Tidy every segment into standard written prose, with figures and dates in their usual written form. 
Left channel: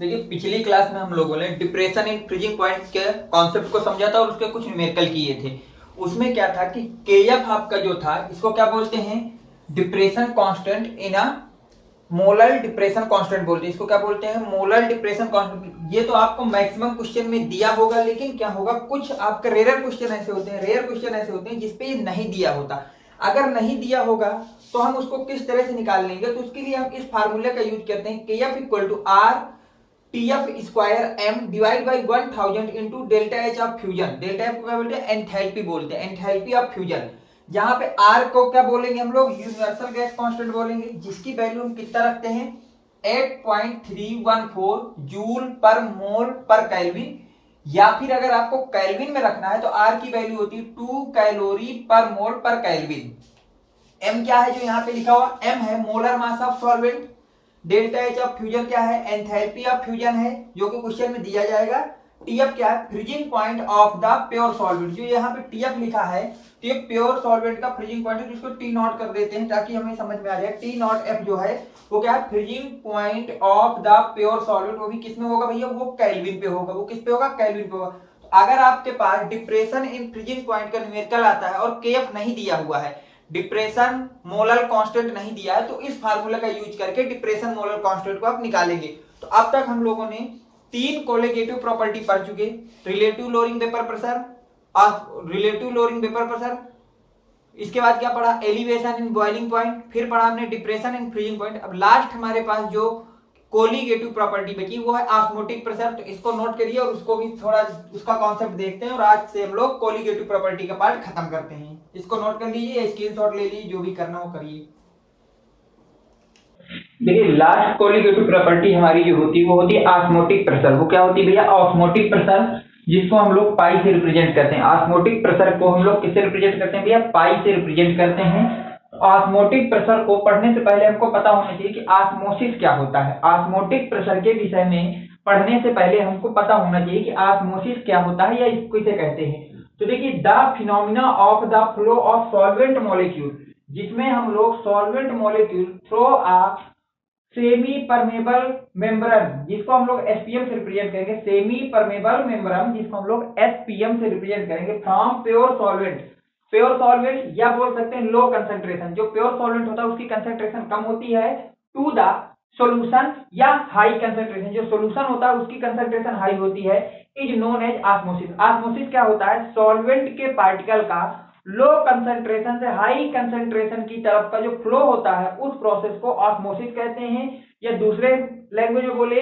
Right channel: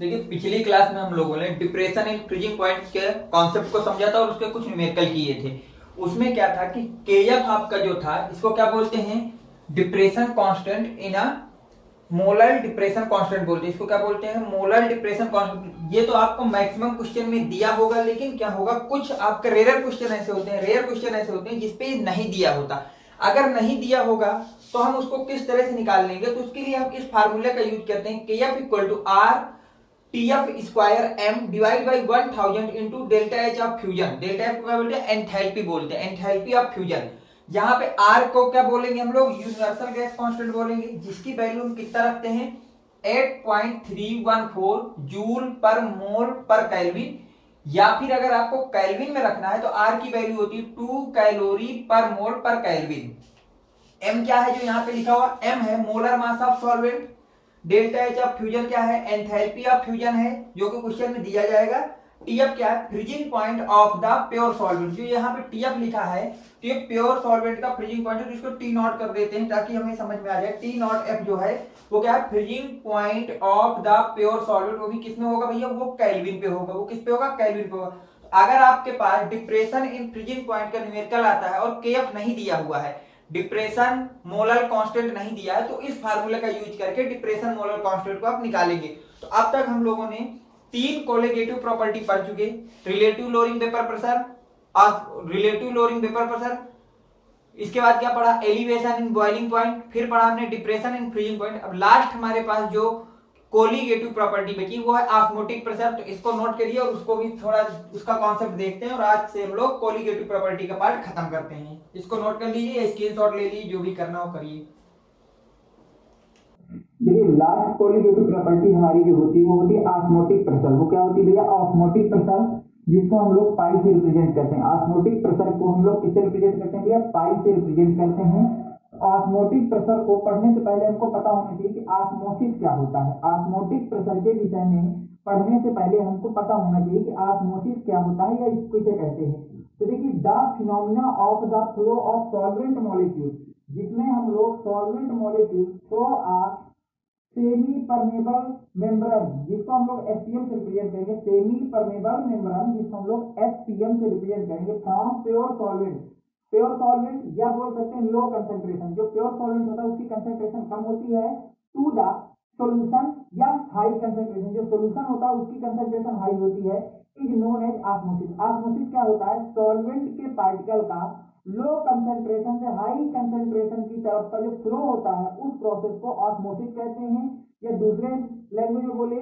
देखिए पिछली क्लास में हम लोगों ने डिप्रेशन एंड फ्रीजिंग पॉइंट के कॉन्सेप्ट को समझा था और उसके कुछ न्यूमेरिकल किए थे। उसमें क्या था कि केएफ आपका जो था इसको क्या बोलते हैं, depression constant in a molar depression constant बोलते हैं। इसको क्या बोलते हैं, मोलर डिप्रेशन कांस्टेंट। ये तो आपको मैक्सिमम क्वेश्चन में दिया होगा, लेकिन क्या होगा कुछ आपके रेयर क्वेश्चन ऐसे होते हैं जिसपे ये नहीं दिया होता। अगर नहीं दिया होगा तो हम उसको किस तरह से निकाल लेंगे, तो उसके लिए हम इस फार्मूले का यूज करते हैं, KF equal to R TF square M divide by 1000 into delta H of fusion. Delta H को क्या बोलते हैं, एंथैल्पी बोलते हैं, एंथैल्पी ऑफ फ्यूजन। यहाँ पे आर को क्या बोलेंगे हम लोग, यूनिवर्सल गैस कांस्टेंट बोलेंगे, जिसकी वैल्यू हम कितना रखते हैं 8.314 जूल पर मोल पर केल्विन। या फिर अगर आपको केल्विन में रखना है तो आर की वैल्यू होती है 2 कैलोरी पर मोल पर केल्विन। एम क्या है जो यहाँ पे लिखा हुआ, एम है molar mass of solvent. Delta H of fusion क्या है, एंथैल्पी ऑफ फ्यूजन है जो कि क्वेश्चन में दिया जाएगा। टीएफ क्या है, freezing point of the pure solvent. जो यहाँ पे टीएफ लिखा है तो ये प्योर सॉल्वेंट का फ्रीजिंग पॉइंट है, इसको टी नॉट कर देते हैं ताकि हमें समझ में आ जाए। टी नॉट एफ जो है वो क्या है, freezing point of the pure solvent. वो भी किसमें होगा भैया, वो केल्विन पे होगा। वो किस पे होगा, केल्विन पे होगा। अगर आपके पास डिप्रेशन इन फ्रीजिंग पॉइंट का न्यूमेरिकल आता है और केएफ नहीं दिया हुआ है, डिप्रेशन मोलर कांस्टेंट नहीं दिया है, तो इस फार्मूले का यूज करके डिप्रेशन मोलर कांस्टेंट को आप निकालेंगे। तो अब तक हम लोगों ने 3 कोलिगेटिव प्रॉपर्टी पढ़ चुके, रिलेटिव लोअरिंग वेपर प्रेशर और रिलेटिव लोअरिंग वेपर प्रेशर। इसके बाद क्या पढ़ा, एलिवेशन इन बॉइलिंग पॉइंट, फिर पढ़ा हमने डिप्रेशन इन फ्रीजिंग पॉइंट। अब लास्ट हमारे पास जो कोलिगेटिव प्रॉपर्टी बची वो है ऑस्मोटिक प्रेशर। तो इसको नोट करिए और उसको भी थोड़ा उसका कॉन्सेप्ट देखते हैं, और आज से हम लोग कोलिगेटिव प्रॉपर्टी का पार्ट खत्म करते हैं। इसको नोट कर लीजिए, स्क्रीनशॉट ले लीजिए, जो भी करना हो करिए। देखिए लास्ट कोलिगेटिव प्रॉपर्टी हमारी जो होती है वो होती है ऑस्मोटिक प्रेशर। वो क्या होती है भैया, ऑस्मोटिक प्रेशर, जिसको हम लोग पाई से रिप्रेजेंट करते हैं। ऑस्मोटिक प्रेशर को हम लोग किससे रिप्रेजेंट करते हैं भैया, पाई से रिप्रेजेंट करते हैं। ऑस्मोटिक प्रेशर को पढ़ने से पहले हमको पता होना चाहिए कि ऑस्मोसिस क्या होता है। ऑस्मोटिक प्रेशर के विषय में पढ़ने से पहले हमको पता होना चाहिए कि ऑस्मोसिस क्या होता है या इसको किसे कहते हैं। तो देखिए, the phenomena of the flow of solvent molecule, जिसमें हम लोग solvent molecule through a semi permeable membrane, जिसको हम लोग एसपीएम से रिप्रेजेंट करेंगे, सेमी परमेबल मेम्ब्रेन जिसको हम लोग एसपीएम से रिप्रेजेंट करेंगे, from pure solvent. Pure solvent या बोल सकते हैं लो कंसंट्रेशन, जो प्योर सॉल्वेंट होता है उसकी कंसंट्रेशन कम होती है, टू द सॉल्यूशन या हाई कंसंट्रेशन, जो सॉल्यूशन होता है उसकी कंसंट्रेशन हाई होती है, is known as osmosis. Osmosis क्या होता है, सॉल्वेंट के पार्टिकल का लो कंसंट्रेशन से हाई कंसंट्रेशन की तरफ का जो फ्लो होता है उस प्रोसेस को ऑस्मोसिस कहते हैं। या दूसरे लैंग्वेज में बोले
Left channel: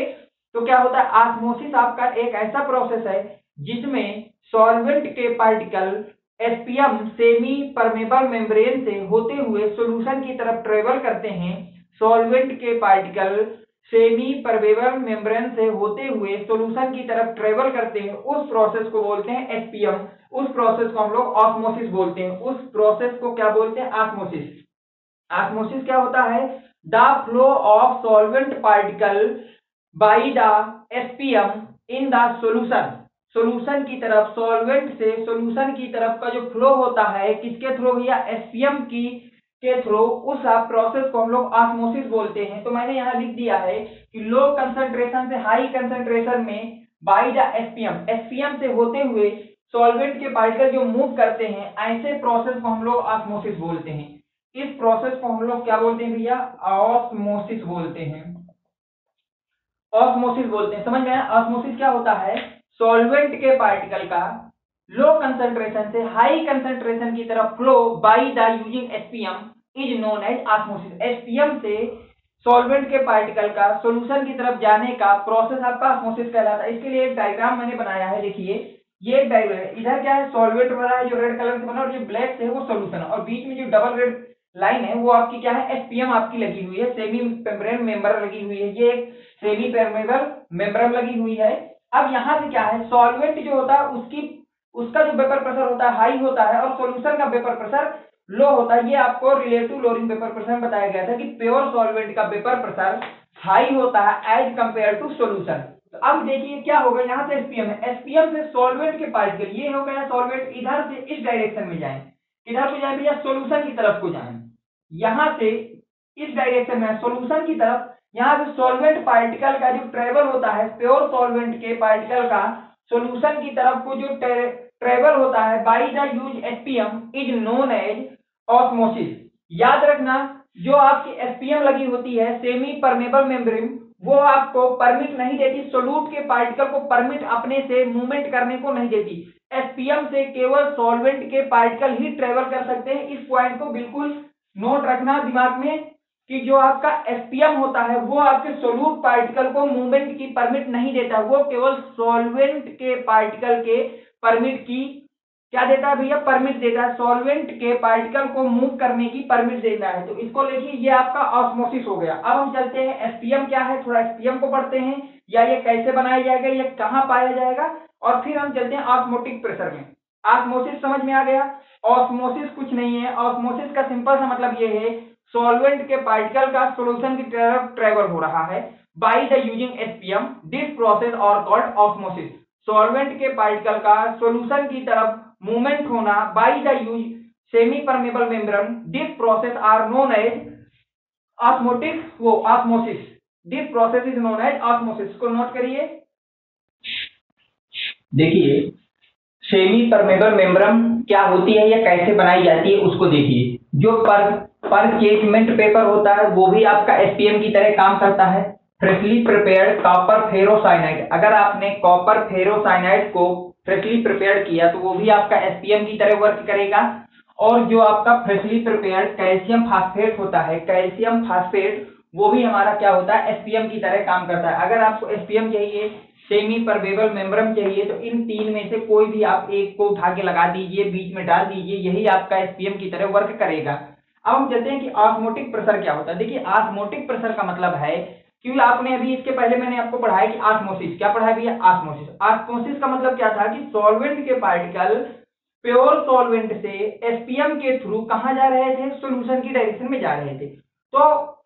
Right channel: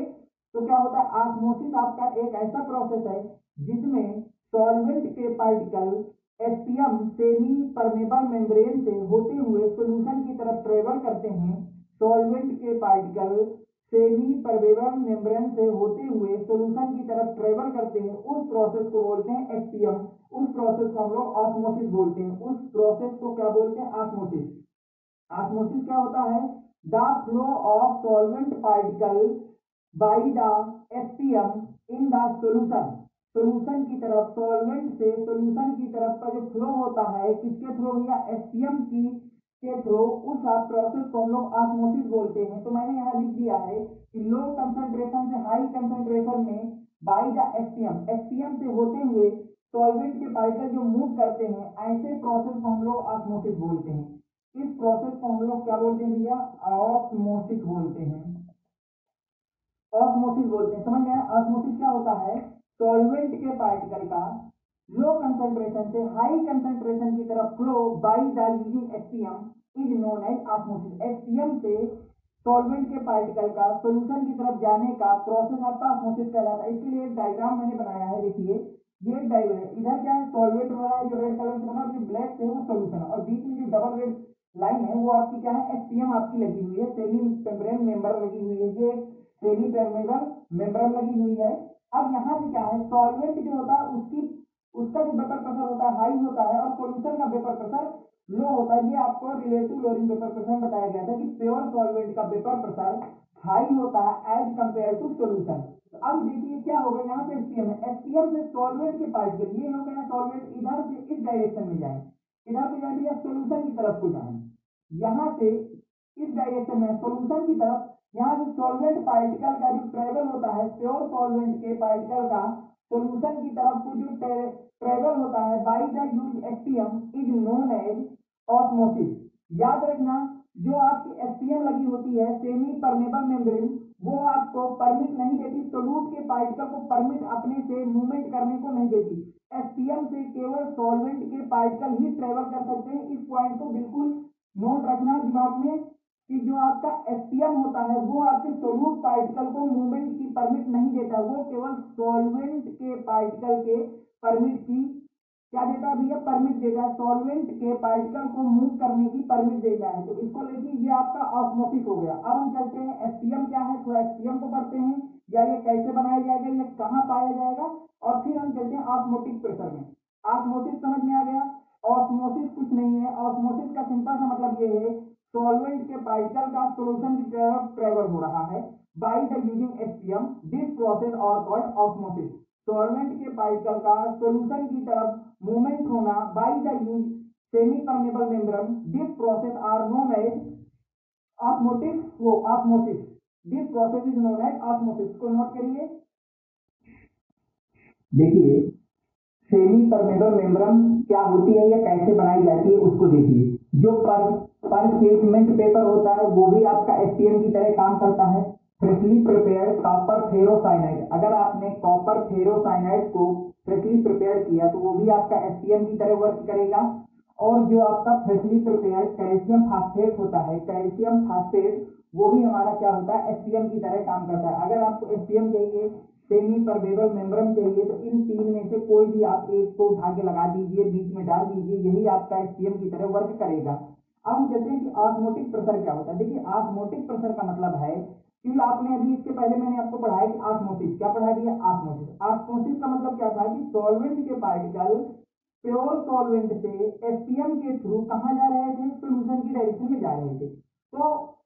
तो क्या होता है, ऑस्मोसिस आपका एक ऐसा प्रोसेस है जिसमें सॉल्वेंट के particle SPM semi permeable membrane से होते हुए सॉल्यूशन की तरफ ट्रेवल करते हैं। सॉल्वेंट के पार्टिकल सेमी परमेबल मेम्ब्रेन से होते हुए सॉल्यूशन की तरफ ट्रेवल करते हैं, उस प्रोसेस को बोलते हैं एसपीएम। उस प्रोसेस को हम लोग ऑस्मोसिस बोलते हैं। उस प्रोसेस को क्या बोलते हैं, ऑस्मोसिस। ऑस्मोसिस क्या होता है, the flow of solvent particle by the SPM in the solution. Solution की तरफ, सॉल्वेंट से सॉल्यूशन की तरफ का जो फ्लो होता है किसके थ्रू भैया, एसपीएम की के थ्रू, उस प्रोसेस को हम लोग ऑस्मोसिस बोलते हैं। तो मैंने यहाँ लिख दिया है कि लो कंसंट्रेशन से हाई कंसंट्रेशन में बाय द एसपीएम, एसपीएम से होते हुए सॉल्वेंट के पार्टिकल जो मूव करते हैं, ऐसे प्रोसेस को हम लोग ऑस्मोसिस बोलते हैं। इस प्रोसेस को हम लोग क्या बोलते हैं भैया, ऑस्मोसिस बोलते हैं। ऑस्मोसिस बोलते हैं, समझ में आया। ऑस्मोसिस क्या होता है, सॉल्वेंट के पार्टिकल का लो कंसंट्रेशन से हाई कंसंट्रेशन की तरफ flow by the using SPM is known as osmosis. SPM से सॉल्वेंट के पार्टिकल का सॉल्यूशन की तरफ जाने का प्रोसेस आपका ऑस्मोसिस कहलाता है। इसके लिए एक डायग्राम मैंने बनाया है, देखिए ये एक डायग्राम है। इधर क्या है, सॉल्वेंट बना है जो रेड कलर से बना, और जो ब्लैक से है वो सॉल्यूशन, और बीच में जो डबल रेड लाइन है वो आपकी क्या है, एसपीएम आपकी लगी हुई है, सेमी मेम्ब्रेन मेंबर लगी हुई है। ये एक सेमी परमेबल मेम्ब्रेन लगी हुई है। अब यहाँ से क्या है, सॉल्वेंट जो होता है उसका जो वेपर प्रेशर होता है हाई होता है, और सॉल्यूशन का वेपर प्रेशर लो होता है। ये आपको रिलेटिव लोअरिंग वेपर प्रेशर में बताया गया था कि प्योर सॉल्वेंट का वेपर प्रेशर हाई होता है एज कंपेयर टू सॉल्यूशन। तो अब देखिए क्या होगा, यहाँ से एसपीएम है, एसपीएम से सॉल्वेंट के पार्टिकल, ये हो गया सॉल्वेंट, इधर से इस डायरेक्शन में जाए, इधर को जाए भैया सॉल्यूशन की तरफ को जाए, यहाँ से इस डायरेक्शन में सॉल्यूशन की तरफ यहाँ पे सॉल्वेंट पार्टिकल का जो ट्रेवल होता है, प्योर सॉल्वेंट के पार्टिकल का सॉल्यूशन की तरफ को जो ट्रेवल होता है by the use SPM is known as osmosis. याद रखना, जो आपकी एसपीएम लगी होती है, सेमी परमेबल मेम्ब्रेन, वो आपको परमिट नहीं देती, सोल्यूट के पार्टिकल को परमिट अपने से मूवमेंट करने को नहीं देती। एसपीएम से केवल सॉल्वेंट के पार्टिकल ही ट्रेवल कर सकते हैं। इस पॉइंट को बिल्कुल नोट रखना दिमाग में कि जो आपका एसपीएम होता है वो आपके सोल्यूट पार्टिकल को मूवमेंट की परमिट नहीं देता, वो केवल सॉल्वेंट के पार्टिकल के परमिट की क्या देता है भैया, परमिट देता है, सॉल्वेंट के पार्टिकल को मूव करने की परमिट देता है। तो इसको लेके ये आपका ऑस्मोसिस हो गया। अब हम चलते हैं एसपीएम क्या है, थोड़ा एसपीएम को पढ़ते हैं, या ये कैसे बनाया जाएगा, ये कहाँ पाया जाएगा, और फिर हम चलते हैं ऑस्मोटिक प्रेशर में। ऑस्मोसिस समझ में आ गया। ऑस्मोसिस कुछ नहीं है, ऑस्मोसिस का सिंपल सा मतलब ये है, सॉल्वेंट के पार्टिकल का सॉल्यूशन की तरफ ट्रेवल हो रहा है by the using SPM, this process और कॉल्ड ऑस्मोसिस। सॉल्वेंट के पार्टिकल का सॉल्यूशन की तरफ मूवमेंट होना by the use semi permeable membrane, this process are known as osmotic वो osmosis. This process is known as osmosis. को note करिए। देखिए, सेमी परमेबल मेम्ब्रेन क्या होती है या कैसे बनाई जाती है उसको देखिए। जो परचेजमेंट पेपर होता है वो भी आपका एसपीएम की तरह काम करता है। फ्रेशली प्रिपेयर्ड कॉपर फेरोसाइनाइड, अगर आपने कॉपर फेरोसाइनाइड को फ्रेशली प्रिपेयर्ड किया तो वो भी आपका एसपीएम की तरह वर्क करेगा। और जो आपका फ्रेशली प्रिपेयर्ड कैल्शियम फास्फेट होता है, कैल्शियम फास्फेट, वो भी हमारा क्या होता है, एसपीएम की तरह काम करता है। अगर आपको एसपीएम चाहिए, सेमी परमेबल मेम्ब्रेन चाहिए, तो इन तीन में से कोई भी आप एक को उठा के लगा दीजिए, बीच में डाल दीजिए, यही आपका एसपीएम की तरह वर्क करेगा। अब हम कहते हैं कि ऑस्मोटिक प्रेशर क्या होता है। देखिए, ऑस्मोटिक प्रेशर का मतलब है, क्योंकि आपने अभी इसके पहले मैंने आपको पढ़ाया कि ऑस्मोसिस क्या पढ़ाया भैया, ऑस्मोसिस। ऑस्मोसिस का मतलब क्या था कि सॉल्वेंट के पार्टिकल प्योर सॉल्वेंट से एसपीएम के थ्रू कहां जा रहे थे, सॉल्यूशन की डायरेक्शन में जा रहे थे। तो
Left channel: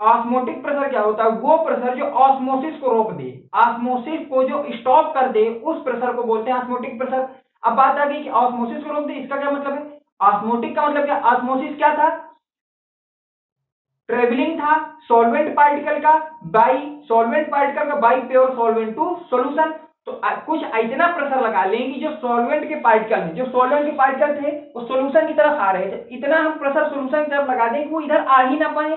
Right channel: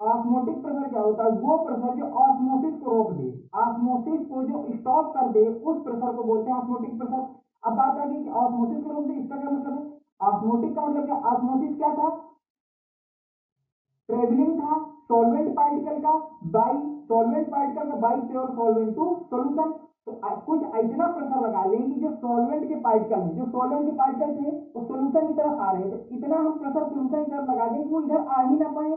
ऑस्मोटिक प्रेशर क्या होता है, वो प्रेशर जो ऑस्मोसिस को रोक दे, ऑस्मोसिस को जो स्टॉप कर दे, उस प्रेशर को बोलते हैं ऑस्मोटिक प्रेशर। अब बात आ गई कि ऑस्मोसिस को रोक दे, इसका क्या मतलब है। ऑस्मोटिक का मतलब क्या, ऑस्मोसिस क्या था, ट्रेवलिंग था सॉल्वेंट पार्टिकल का by pure solvent to solution. तो कुछ इतना प्रेशर लगा लेंगे जो सॉल्वेंट के पार्टिकल में, जो सॉल्वेंट के पार्टिकल थे वो सॉल्यूशन की तरफ आ रहे थे, इतना हम प्रेशर सॉल्यूशन की तरफ लगा देंगे वो इधर आ ही ना पाए,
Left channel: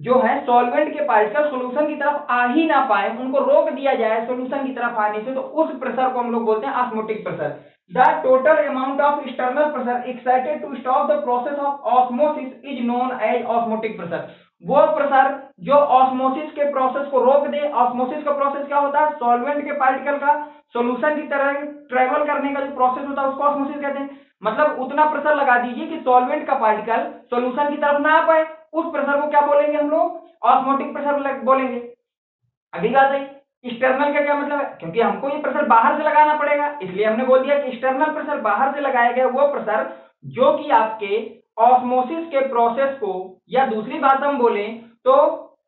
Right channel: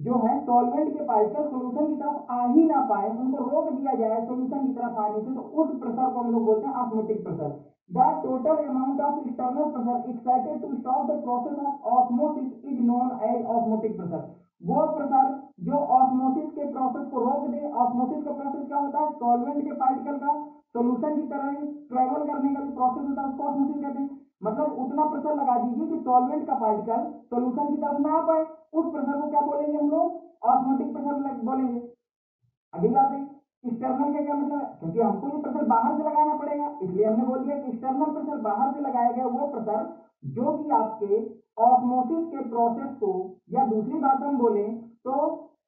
जो है सॉल्वेंट के पार्टिकल सॉल्यूशन की तरफ आ ही ना पाए, उनको रोक दिया जाए सॉल्यूशन की तरफ आने से, तो उस प्रेशर को हम लोग बोलते हैं osmotic pressure. The total amount of external pressure exerted to stop the process of osmosis is known as osmotic pressure. वो प्रेशर जो ऑस्मोसिस के प्रोसेस को रोक दे। ऑस्मोसिस का प्रोसेस क्या होता है, सॉल्वेंट के पार्टिकल का सॉल्यूशन की तरह ट्रेवल करने का जो प्रोसेस होता है उसको ऑस्मोसिस कहते हैं। मतलब उतना प्रेशर लगा दीजिए कि सॉल्वेंट का पार्टिकल सॉल्यूशन की तरफ ना आ पाए, उस प्रेशर को क्या बोलेंगे हम लोग, ऑस्मोटिक प्रेशर बोलेंगे। अगली बात है, एक्सटर्नल का क्या मतलब है, क्योंकि हमको ये प्रेशर बाहर से लगाना पड़ेगा, इसलिए हमने बोल दिया कि एक्सटर्नल प्रेशर बाहर से लगाया गया वो प्रेशर जो कि आपके ऑस्मोसिस के प्रोसेस को, या दूसरी बात हम बोले तो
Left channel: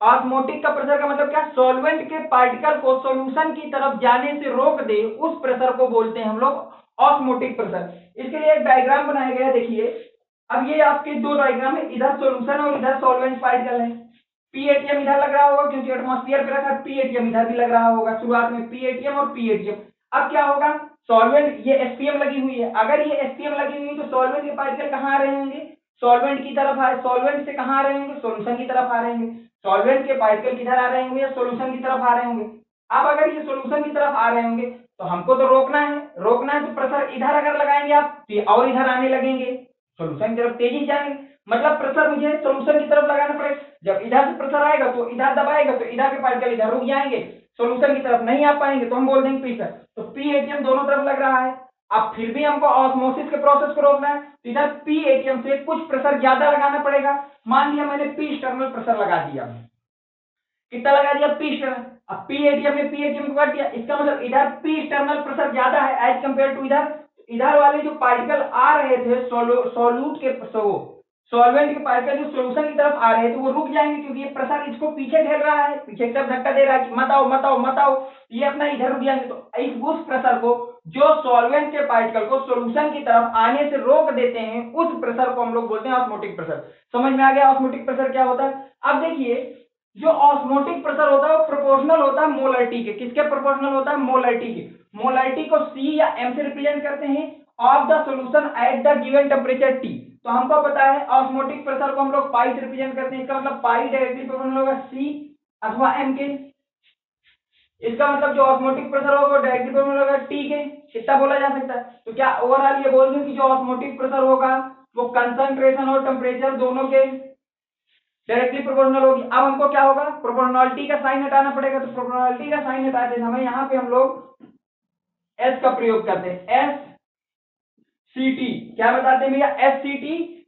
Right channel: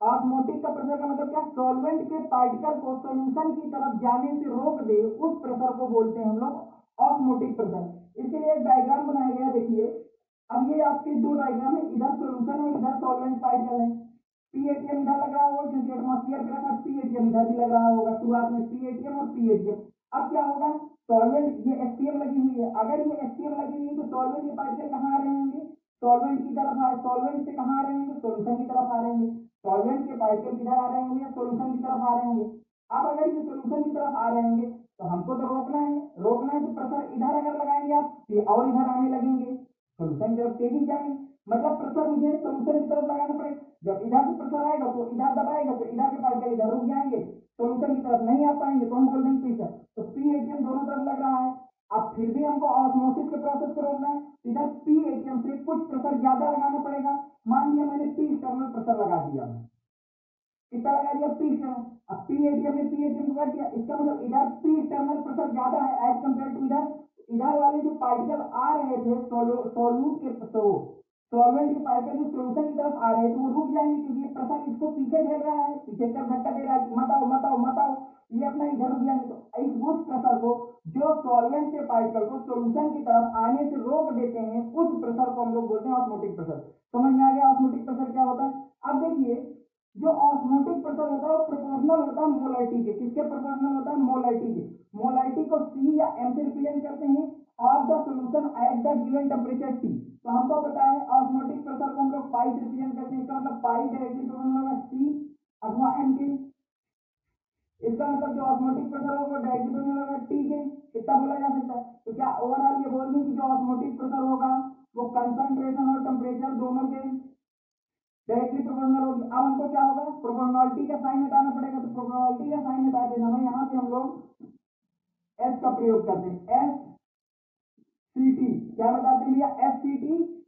ऑस्मोटिक का प्रेशर का मतलब क्या, सॉल्वेंट के पार्टिकल को सॉल्यूशन की तरफ जाने से रोक दे, उस प्रेशर को बोलते हैं हम लोग ऑस्मोटिक प्रेशर। इसके लिए एक डायग्राम बनाया गया है, देखिए। अब ये आपके दो डायग्राम है, इधर सॉल्यूशन और इधर सॉल्वेंट पार्टिकल है। पीएटीएम इधर लग रहा होगा क्योंकि एटमॉस्फेयर पे रखा, पीएटीएम इधर भी लग रहा होगा, शुरुआत में पीएटीएम और पीएटीएम। अब क्या होगा, सॉल्वेंट, ये एसपीएम लगी हुई है, अगर ये एसपीएम लगी हुई है तो सॉल्वेंट के पार्टिकल कहाँ आ रहे होंगे, सॉल्वेंट की तरफ आए, सॉल्वेंट से कहाँ आ रहे होंगे, सॉल्यूशन की तरफ आ रहे होंगे। सॉल्वेंट के पार्टिकल किधर आ रहे होंगे, या सॉल्यूशन की तरफ आ रहे होंगे। अब अगर ये सॉल्यूशन की तरफ आ रहे होंगे तो हमको तो रोकना है, तो प्रेशर इधर अगर लगाएंगे आप तो और इधर आने लगेंगे, सॉल्यूशन की तरफ तेजी जाएंगे, मतलब प्रेशर मुझे सॉल्यूशन की तरफ लगाना पड़ेगा। जब इधर से प्रेशर आएगा तो इधर दबाएगा तो इधर के पार्टिकल इधर रुक जाएंगे, सॉल्यूशन की तरफ नहीं आ पाएंगे, तो हम बोल देंगे प्रेशर। तो पीएटीएम दोनों तरफ लग रहा है। अब फिर भी हमको ऑस्मोसिस के प्रोसेस को रोकना है, तो इधर पीएटीएम से कुछ प्रेशर ज्यादा लगाना पड़ेगा। मान लिया मैंने पी एक्सटर्नल प्रेशर लगा दिया, कितना लगा दिया, पी एक्सटर्नल। अब पीएटीएम में पीएटीएम को काट दिया, इसका मतलब इधर पी एक्सटर्नल प्रेशर ज्यादा है एज कंपेयर टू इधर। इधर वाले जो पार्टिकल आ रहे थे सोल्यूट के सॉल्वेंट के पार्टिकल जो सॉल्यूशन की तरफ आ रहे थे वो रुक जाएंगे, क्योंकि ये प्रेशर इसको पीछे ढेल रहा है, पीछे की तरफ धक्का दे रहा है कि मत आओ मत आओ मत आओ, ये अपना इधर रुक जाएंगे। तो इस उस प्रेशर को जो सॉल्वेंट के पार्टिकल को सॉल्यूशन की तरफ आने से रोक देते हैं, उस प्रेशर को हम लोग बोलते हैं ऑस्मोटिक प्रेशर। समझ में आ गया ऑस्मोटिक प्रेशर क्या होता है। अब देखिए, जो ऑस्मोटिक प्रेशर होता है वो प्रोपोर्शनल होता है मोलरिटी के। किसके प्रोपोर्शनल होता है? मोलरिटी के। मोलरिटी को C या M से रिप्रेजेंट करते हैं of the solution at the given temperature T। तो हमको पता है ऑस्मोटिक प्रेशर को हम लोग पाई से रिप्रेजेंट करते हैं। इसका मतलब पाई डायरेक्टली प्रोपोर्शनल होगा C अथवा M के। इसका मतलब जो ऑस्मोटिक प्रेशर होगा वो डायरेक्टली प्रोपोर्शनल होगा T के। इतना बोला जा सकता है। तो क्या ओवरऑल ये बोल दूं कि जो ऑस्मोटिक प्रेशर होगा वो कंसंट्रेशन और टेम्परेचर दोनों के डायरेक्टली प्रोपोर्शनल होगी। अब हमको क्या होगा? प्रोपोर्शनलिटी का साइन हटाना पड़ेगा। तो प्रोपोर्शनलिटी का साइन हटाते समय यहाँ पे हम लोग S का प्रयोग करते हैं। SCT क्या बताते हैं भैया? SCT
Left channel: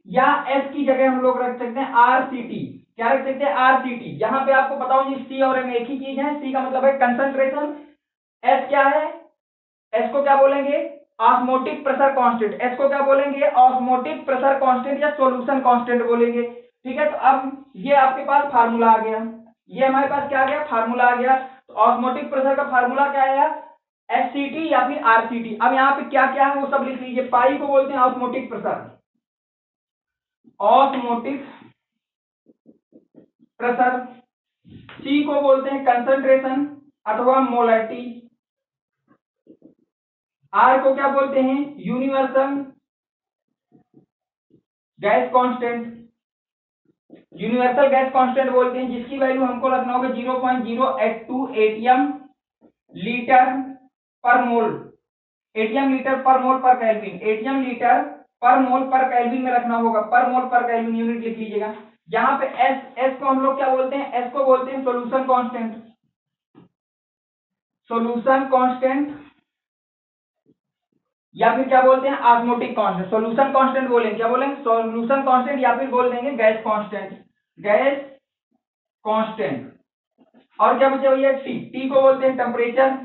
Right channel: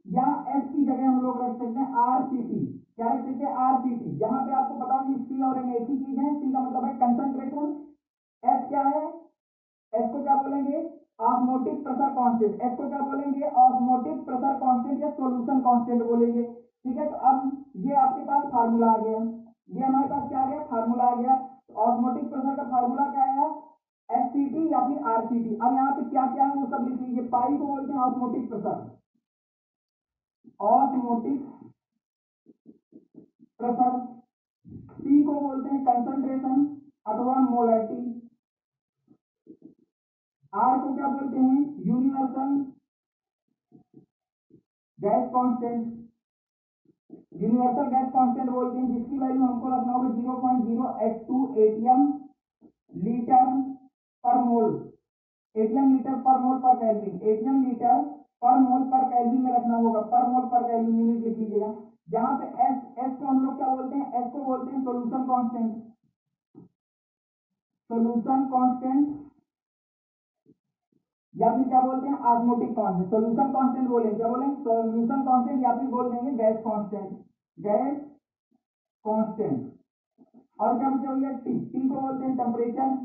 या S की जगह हम लोग रख सकते हैं RCT। क्या रख सकते हैं? RCT। यहाँ पे आपको बताओ जी C और M एक ही चीज है। C का मतलब है कंसंट्रेशन, S क्या है? S को क्या बोलेंगे? Osmotic pressure constant. S को क्या बोलेंगे? ऑस्मोटिक प्रेशर कांस्टेंट या सॉल्यूशन कांस्टेंट बोलेंगे। ठीक है, तो अब ये आपके पास फार्मूला आ गया। ये हमारे पास क्या आ गया? फार्मूला आ गया। तो ऑस्मोटिक प्रेशर का फार्मूला क्या आया? SCT या फिर RCT। अब यहाँ पे क्या क्या है वो सब लिख लीजिए। पाई को बोलते हैं osmotic pressure, osmotic pressure. C को बोलते हैं कंसंट्रेशन अथवा मोलरिटी। R को क्या बोलते हैं? Universal gas constant. Universal gas constant बोलते हैं जिसकी वैल्यू हमको रखना होगा 0.082 एटीएम लीटर पर मोल। एटीएम लीटर पर मोल पर केल्विन। एटीएम लीटर पर मोल पर केल्विन में रखना होगा। पर मोल पर केल्विन यूनिट लिख लीजिएगा। यहाँ पे एस को हम लोग क्या बोलते हैं? एस को बोलते हैं सोल्यूशन कांस्टेंट। सोल्यूशन कांस्टेंट या फिर क्या बोलते हैं? Osmotic constant. सोल्यूशन कांस्टेंट बोलेंगे, क्या बोलेंगे? सोल्यूशन कांस्टेंट या फिर बोल देंगे गैस कांस्टेंट। Gas constant. और क्या बचा भैया? टी को बोलते हैं टेम्परेचर।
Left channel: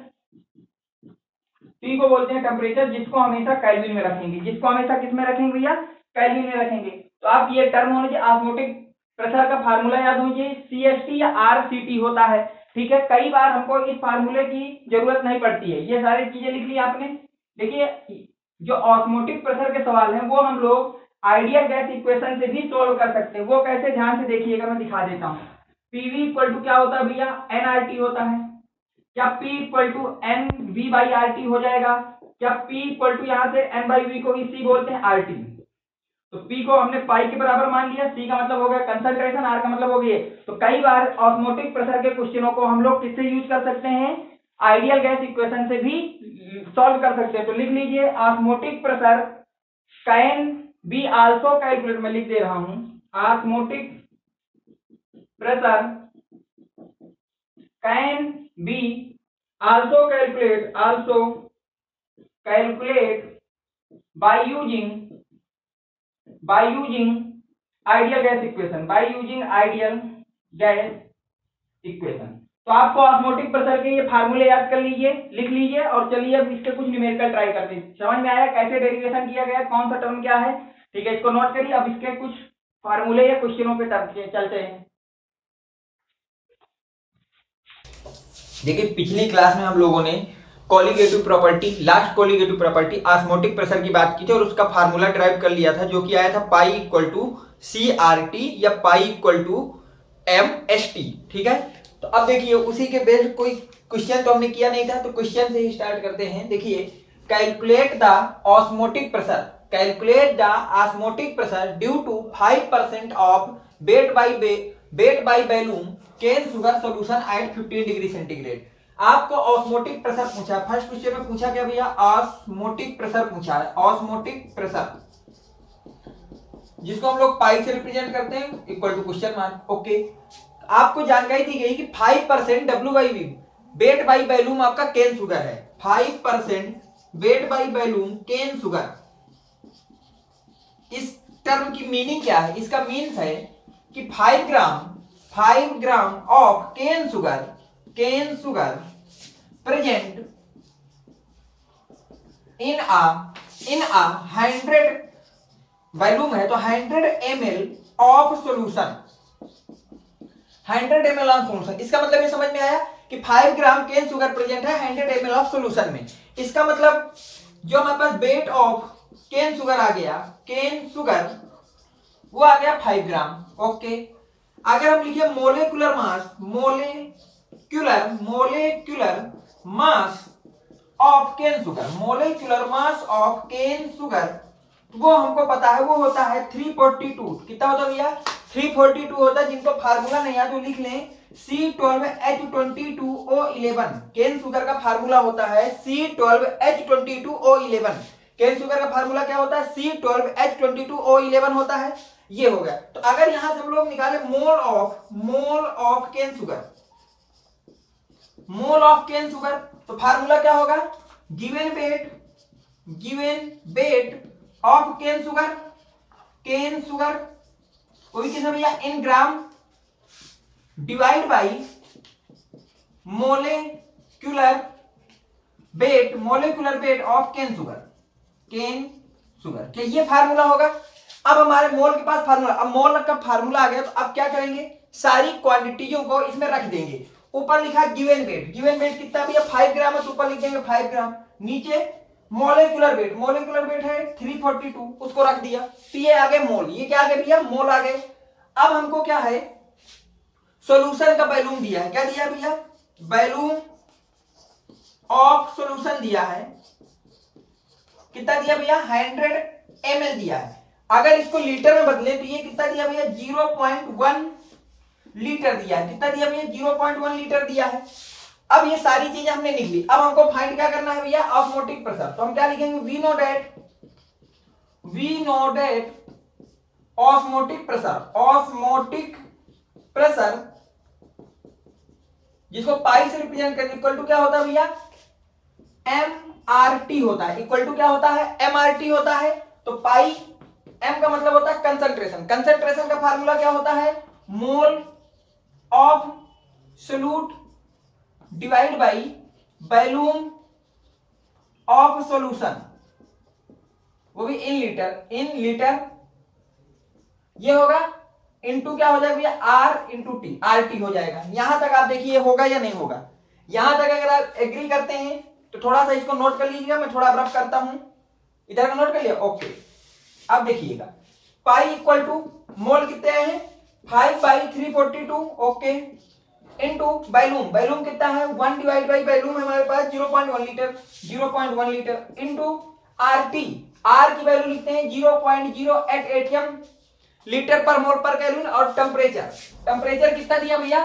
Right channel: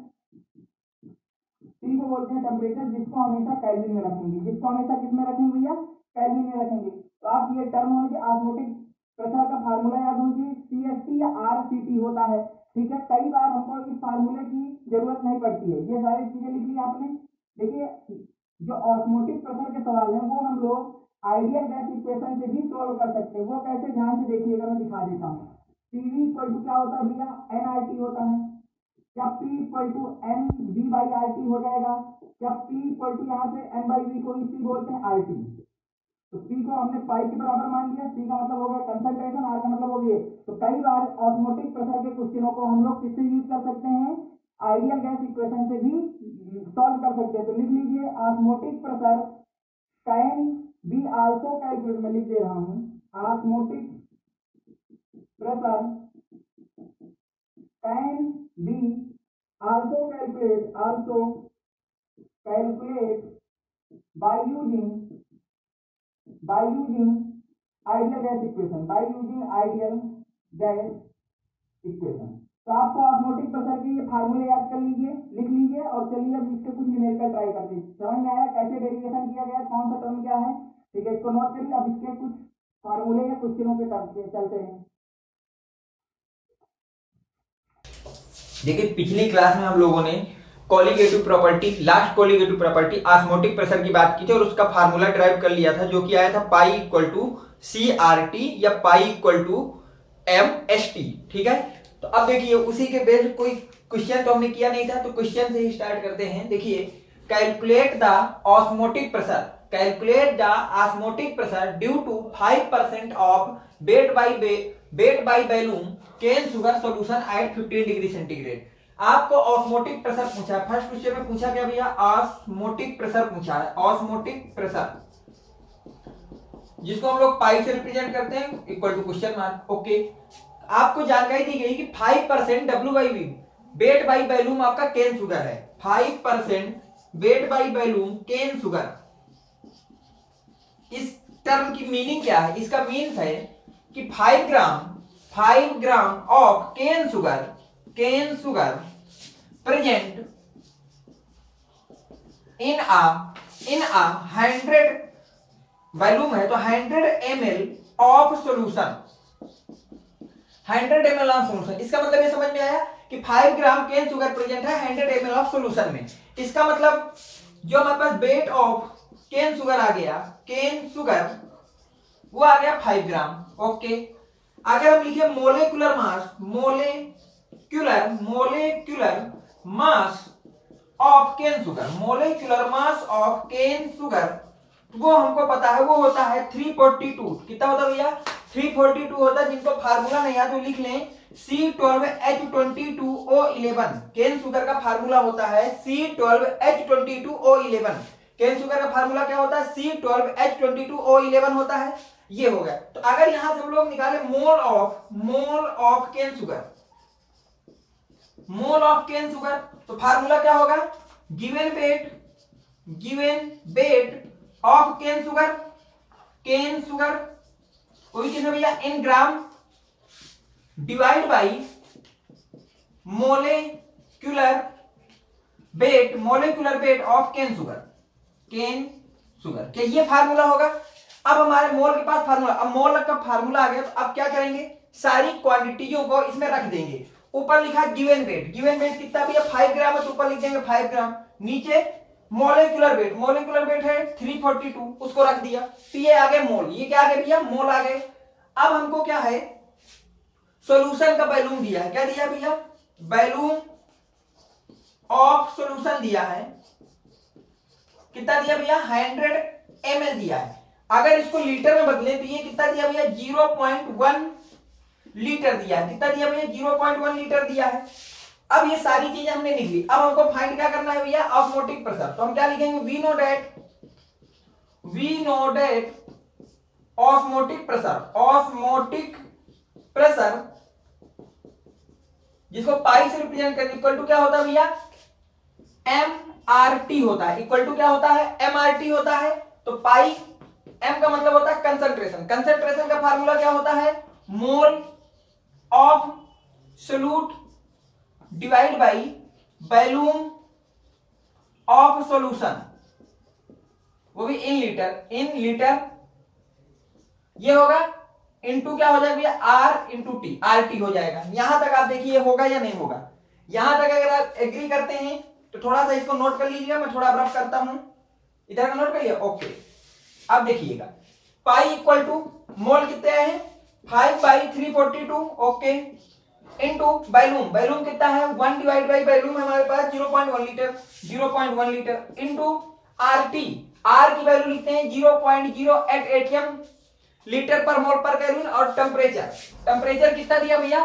टी को बोलते हैं टेम्परेचर जिसको हमेशा केल्विन में रखेंगे। जिसको हमेशा किस में रखेंगे भैया? केल्विन में रखेंगे। तो आप ये टर्म होने चाहिए। ऑस्मोटिक प्रेशर का फार्मूला याद होना CST या RCT होता है। ठीक है, कई बार हमको इस फार्मूले की जरूरत नहीं पड़ती है। ये सारी चीजें लिख ली आपने। देखिए जो ऑस्मोटिक प्रेशर के सवाल हैं वो हम लोग आइडियल गैस इक्वेशन से भी सोल्व कर सकते हैं। वो कैसे? ध्यान से देखिएगा, मैं दिखा देता हूँ। PV इक्वल टू क्या होता है भैया? nRT होता है। क्या P इक्वल टू NV/RT हो जाएगा? क्या P इक्वल टू यहाँ से N/V को इसी बोलते हैं RT। तो P को हमने पाई के बराबर मान लिया। C का मतलब हो गया कंसंट्रेशन, R का मतलब हो गया। तो कई बार ऑस्मोटिक प्रेशर के क्वेश्चनों को हम लोग किससे यूज कर सकते हैं? आइडियल गैस इक्वेशन से भी सॉल्व कर सकते हैं। तो लिख लीजिए osmotic pressure can be also calculate. मैं लिख दे रहा हूं osmotic pressure can be also calculate by using ideal gas equation. By using ideal gas equation. तो आपको ऑस्मोटिक प्रेशर के ये फार्मूले याद कर लीजिए, लिख लीजिए और चलिए अब इसके कुछ न्यूमेरिकल ट्राई करते हैं। समझ में आया कैसे डेरिवेशन किया गया, कौन सा टर्म क्या है? ठीक है, इसको नोट करिए। अब इसके कुछ फार्मूले या क्वेश्चनों पे चलते हैं। देखिए पिछली क्लास में हम लोगों ने colligative property, last colligative property osmotic pressure की बात की थी और उसका फार्मूला ड्राइव कर लिया था जो कि आया था पाई इक्वल टू CRT या पाई इक्वल टू MST। ठीक है, तो अब देखिए उसी के बेस्ड कोई क्वेश्चन तो हमने किया नहीं था, तो क्वेश्चन से ही स्टार्ट करते हैं। देखिए calculate the osmotic pressure, calculate the osmotic pressure due to 5% of weight by volume cane sugar solution at 15 degree centigrade. आपको ऑस्मोटिक प्रेशर पूछा है। फर्स्ट क्वेश्चन में पूछा क्या भैया? ऑस्मोटिक प्रेशर पूछा है। ऑस्मोटिक प्रेशर जिसको हम लोग पाई से रिप्रेजेंट करते हैं equal to question mark. Okay, आपको जानकारी दी गई कि 5% W/V वेट बाई बैलूम आपका केन शुगर है। 5% weight by volume cane sugar. इस टर्म की मीनिंग क्या है? इसका मीन्स है कि 5 gram of cane sugar present in a 100 volume है तो 100 ml of solution, 100 ml of solution. इसका मतलब ये समझ में आया कि 5 ग्राम केन शुगर प्रेजेंट है 100 ml ऑफ सॉल्यूशन में। इसका मतलब जो हमारे पास वेट ऑफ केन शुगर आ गया, केन शुगर वो आ गया 5 ग्राम। ओके, अगर हम लिखे molecular mass of cane sugar, molecular mass of cane sugar, वो हमको पता है वो होता है 342। कितना होता है भैया? 342 होता है, जिनको फार्मूला नहीं है तो लिख लें C12H22O11। केन शुगर का फार्मूला होता है C12H22O11। केन शुगर का फार्मूला क्या होता है? C12H22O11 होता है। ये हो गया। तो अगर यहां से हम लोग निकाले मोल ऑफ केन शुगर, तो फार्मूला क्या होगा? Given weight of cane sugar कोई चीज भैया in gram divide by molecular weight of cane sugar क्या ये फार्मूला होगा? अब हमारे मोल के पास फार्मूला, अब मोल का फार्मूला आ गया, तो अब क्या करेंगे? सारी क्वांटिटियों को इसमें रख देंगे। ऊपर लिखा गिवन वेट कितना भी है? 5 ग्राम, तो ऊपर लिख देंगे 5 ग्राम। नीचे मोलेकुलर वेट है 342, उसको रख दिया। तो ये आ गए मोल। ये क्या आ गए भैया? मोल आ गए। अब हमको क्या है? सॉल्यूशन का वैल्यूम दिया है। क्या दिया भैया? वैल्यूम ऑफ सॉल्यूशन दिया है। कितना दिया भैया? 100 ml दिया है। अगर इसको लीटर में बदले तो ये कितना दिया भैया? 0.1 लीटर दिया है। कितना दिया भैया? 0.1 लीटर दिया है। अब ये सारी चीजें हमने लिख ली। अब हमको फाइंड क्या करना है भैया? Osmotic pressure. तो हम क्या लिखेंगे? We know that osmotic pressure जिसको पाई से रिप्रेजेंट करते इक्वल टू क्या होता है भैया? MRT होता है। इक्वल टू क्या होता है? MRT होता है। तो पाई M का मतलब होता है कंसंट्रेशन का फार्मूला क्या होता है? Mole of solute divide by volume of solution, वो भी इन लीटर। ये होगा इनटू क्या हो जाएगा भैया? R इंटू टी, RT हो जाएगा। यहां तक आप देखिए होगा या नहीं होगा। यहां तक अगर आप एग्री करते हैं तो थोड़ा सा इसको नोट कर लीजिएगा। मैं थोड़ा रफ करता हूं, इधर का नोट कर लिया। ओके, अब देखिएगा पाई इक्वल टू मोल कितने आए हैं? 5/342। ओके, इनटू वॉल्यूम कितना है? 1 डिवाइड बाई वॉल्यूम हमारे पास 0.1 लीटर इनटू RT, R की वैल्यू लिखते हैं 0.08 atm लीटर पर मोल पर केल्विन। और टेम्परेचर कितना दिया भैया?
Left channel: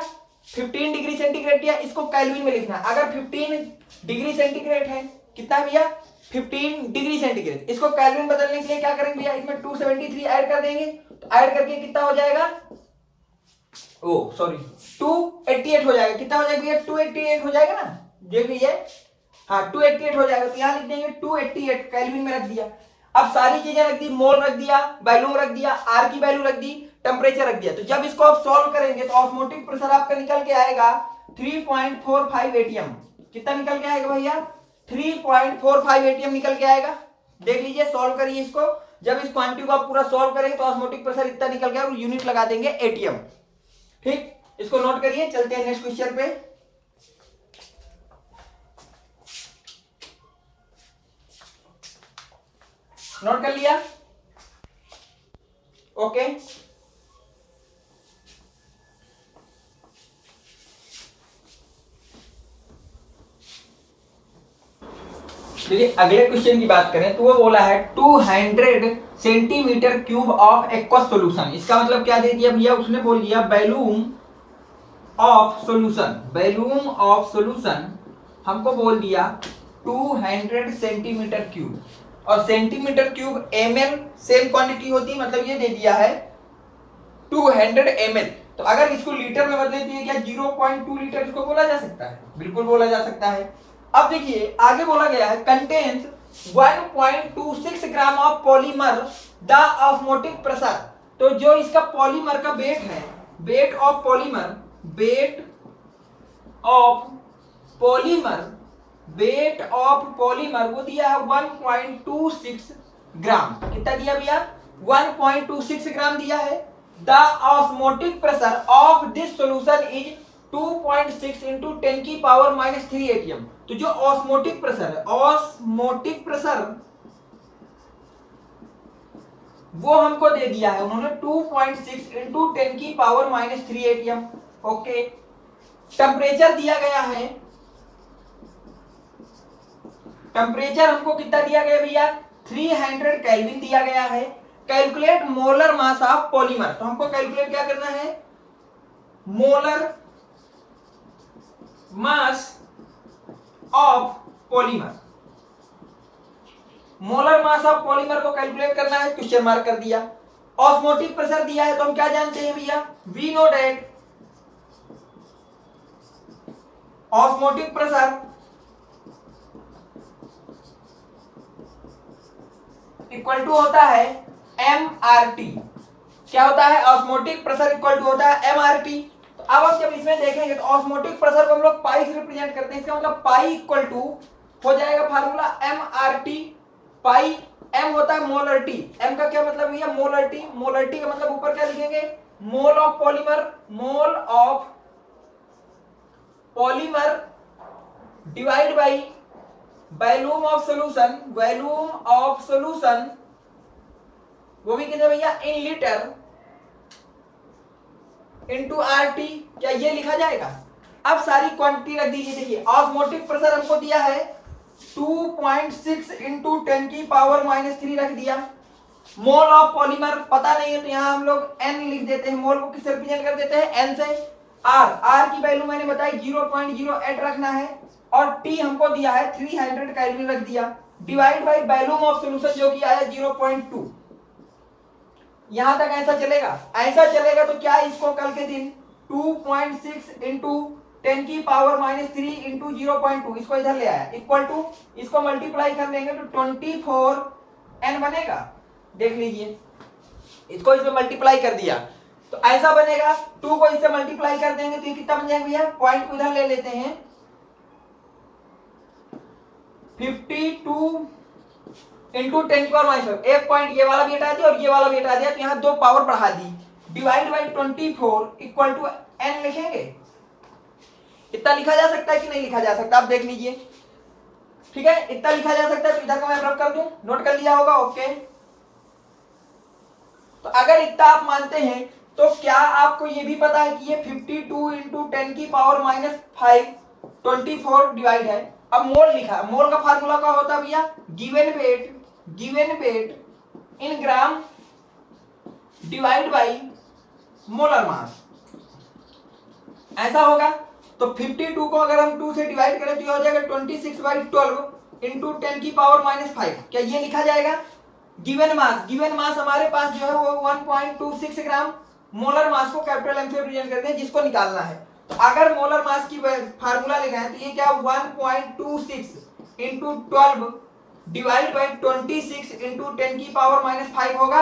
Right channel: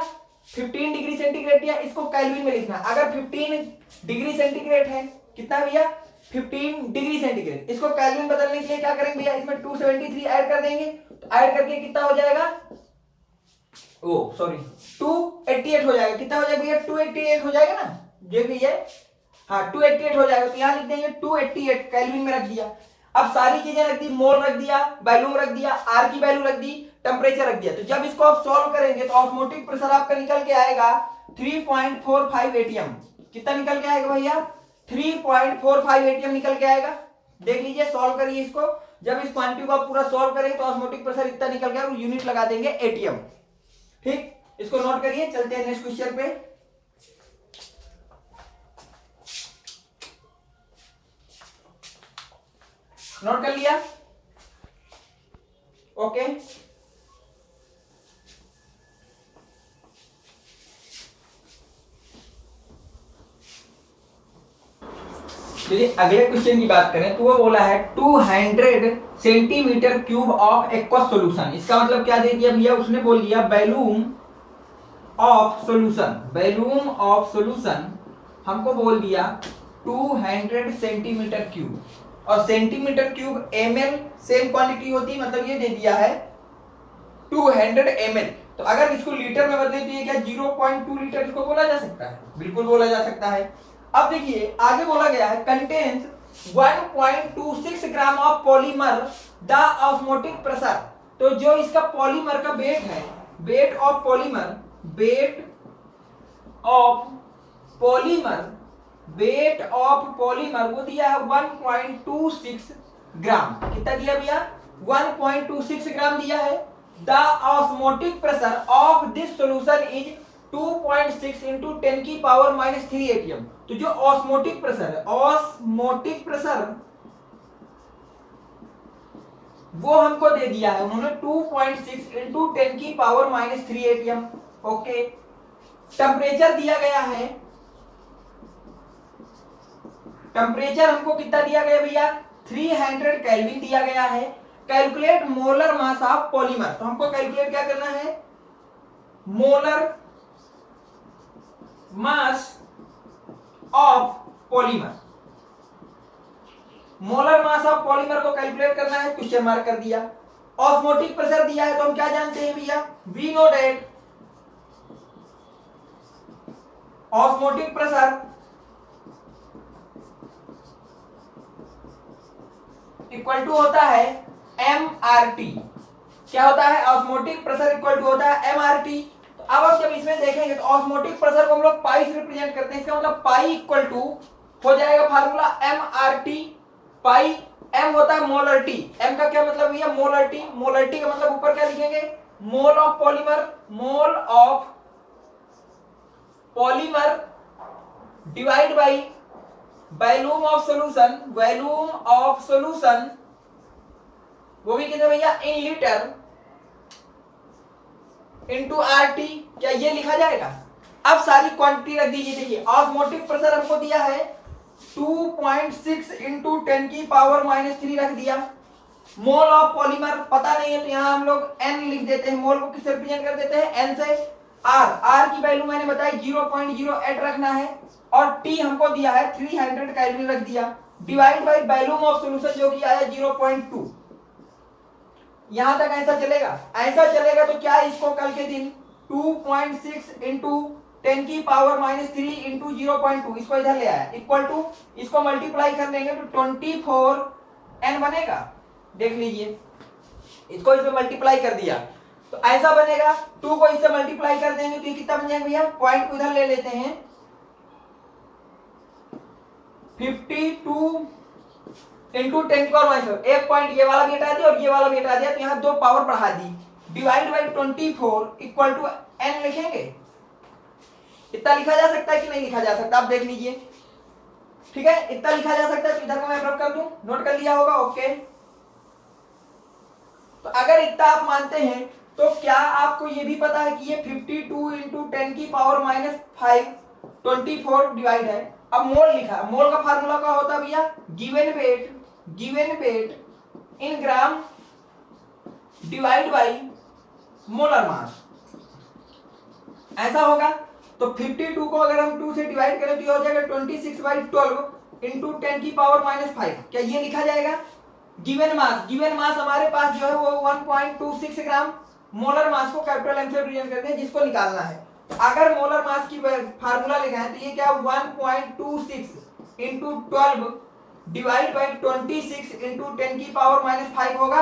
15 डिग्री सेंटीग्रेड दिया। इसको केल्विन में लिखना है। अगर 15 डिग्री सेंटीग्रेड है, कितना भैया? 15 डिग्री सेंटीग्रेड। इसको केल्विन बदलने के लिए क्या करेंगे भैया? इसमें 273 ऐड कर देंगे। तो ऐड करके कितना हो जाएगा? 288 हो जाएगा। कितना हो जाएगा भैया? 288 हो जाएगा ना। देख लीजिए, हाँ 288 हो जाएगा। तो यहां लिख देंगे 288 केल्विन में रख दिया। अब सारी चीजें रख दी, मोल रख दिया, वॉल्यूम रख दिया, R की वैल्यू रख दी, टेम्परेचर रख दिया। तो जब इसको आप सॉल्व करेंगे तो ऑस्मोटिक प्रेशर आपका निकल के आएगा 3.45 atm। कितना निकल के आएगा भैया? 3.45 atm निकल के आएगा। देख लीजिए, सॉल्व करिए इसको। जब इस क्वांटिटी को आप पूरा सॉल्व करेंगे तो ऑस्मोटिक प्रेशर इतना निकल गया, यूनिट लगा देंगे ATM। ठीक, इसको नोट करिए। चलते हैं नेक्स्ट क्वेश्चन पे। नोट कर लिया? ओके, यदि अगले क्वेश्चन की बात करें तो वो बोला है 200 centimetre cube of aqueous solution. इसका मतलब क्या दे दिया भैया? उसने बोल दिया वॉल्यूम ऑफ सॉल्यूशन हमको बोल दिया 200 सेंटीमीटर क्यूब। और centimetre cube ml same quantity होती है, मतलब ये दे दिया है 200 ml। तो अगर इसको लीटर में बदले तो ये क्या 0.2 लीटर इसको बोला जा सकता है? बिल्कुल बोला जा सकता है। अब देखिए आगे बोला गया है contains 1.26 gram of polymer the osmotic pressure. तो जो इसका पॉलीमर का वेट है, वेट ऑफ पॉलीमर वो दिया है 1.26 ग्राम। कितना दिया भैया? 1.26 ग्राम दिया है। The osmotic pressure of this solution is 2.6 into 10 की पावर -3 atm। तो जो ऑस्मोटिक प्रेशर है, वो हमको दे दिया है उन्होंने 2.6 इंटू 10⁻³ एटीएम। ओके, टेम्परेचर दिया गया है, टेम्परेचर हमको कितना दिया गया भैया 300 केल्विन दिया गया है। Calculate molar mass of polymer, तो हमको कैलकुलेट क्या करना है, molar mass of polymer. Molar mass of polymer को कैलकुलेट करना है, क्वेश्चन मार्क कर दिया। ऑस्मोटिक प्रेशर दिया है तो हम क्या जानते हैं भैया, we know that osmotic pressure equal to होता है MRT। क्या होता है, ऑस्मोटिक प्रेशर इक्वल टू होता है MRT। तो अब हम जब इसमें देखेंगे तो ऑस्मोटिक प्रेशर को हम लोग पाई से रिप्रेजेंट करते हैं, इसका मतलब पाई इक्वल टू हो जाएगा फार्मूला MRT, पाई M होता है मोलर टी, M का क्या मतलब भैया मोलर टी, मोलर टी का मतलब ऊपर क्या लिखेंगे, mole of polymer, mole of polymer divide by volume of solution, volume of solution वो भी कितने भैया इन लीटर इंटू RT। क्या ये लिखा जाएगा, अब सारी क्वांटिटी रख दीजिए। देखिए ऑस्मोटिक प्रेशर हमको दिया है 2.6 इंटू 10⁻³ रख दिया। मोल ऑफ पॉलीमर पता नहीं है तो यहाँ हम लोग N लिख देते हैं, मोल को किससे रिप्रेजेंट कर देते हैं N से। R की वैल्यू मैंने बताई 0.08 रखना है, और T हमको दिया है 300 केल्विन रख दिया, divide by volume of solution जो कि आया 0.2। यहां तक ऐसा चलेगा, ऐसा चलेगा तो क्या इसको कल के दिन 2.6 इंटू 10⁻³ इंटू 0.2 इसको इधर ले आया इक्वल टू, इसको मल्टीप्लाई कर लेंगे तो 24N बनेगा। देख लीजिए, इसको इसमें मल्टीप्लाई कर दिया तो ऐसा बनेगा, 2 को इससे मल्टीप्लाई कर देंगे तो ये कितना बन जाएगा भैया, पॉइंट को इधर ले लेते हैं 52 इंटू 10⁻⁵, एक पॉइंट ये वाला भी हटा दिया और ये वाला भी हटा दिया तो यहाँ 2 पावर बढ़ा दी, divide by 24 equal to N लिखेंगे। इतना लिखा जा सकता है कि नहीं लिखा जा सकता, आप देख लीजिए। ठीक है, इतना लिखा जा सकता है तो इधर को मैं रब कर दूं, नोट कर लिया होगा। ओके, तो अगर इतना आप मानते हैं तो क्या आपको ये भी पता है कि ये 52 इंटू 10⁻⁵ 24 डिवाइड है। अब मोल लिखा, मोल का फार्मूला क्या होता है भैया, given weight in gram divide by molar मास, ऐसा होगा। तो 52 को अगर हम 2 से डिवाइड करें तो हो जाएगा 26/12 इंटू 10⁻⁵। क्या ये लिखा जाएगा, गिवन मास हमारे पास जो है वो 1.26 ग्राम, मोलर मास को कैपिटल M से रिप्रेजेंट करते हैं जिसको निकालना है। तो अगर मोलर मास की फार्मूला लिखा है तो ये क्या 1.26 इंटू 12 डिवाइड बाई 26 इंटू 10⁻⁵ होगा।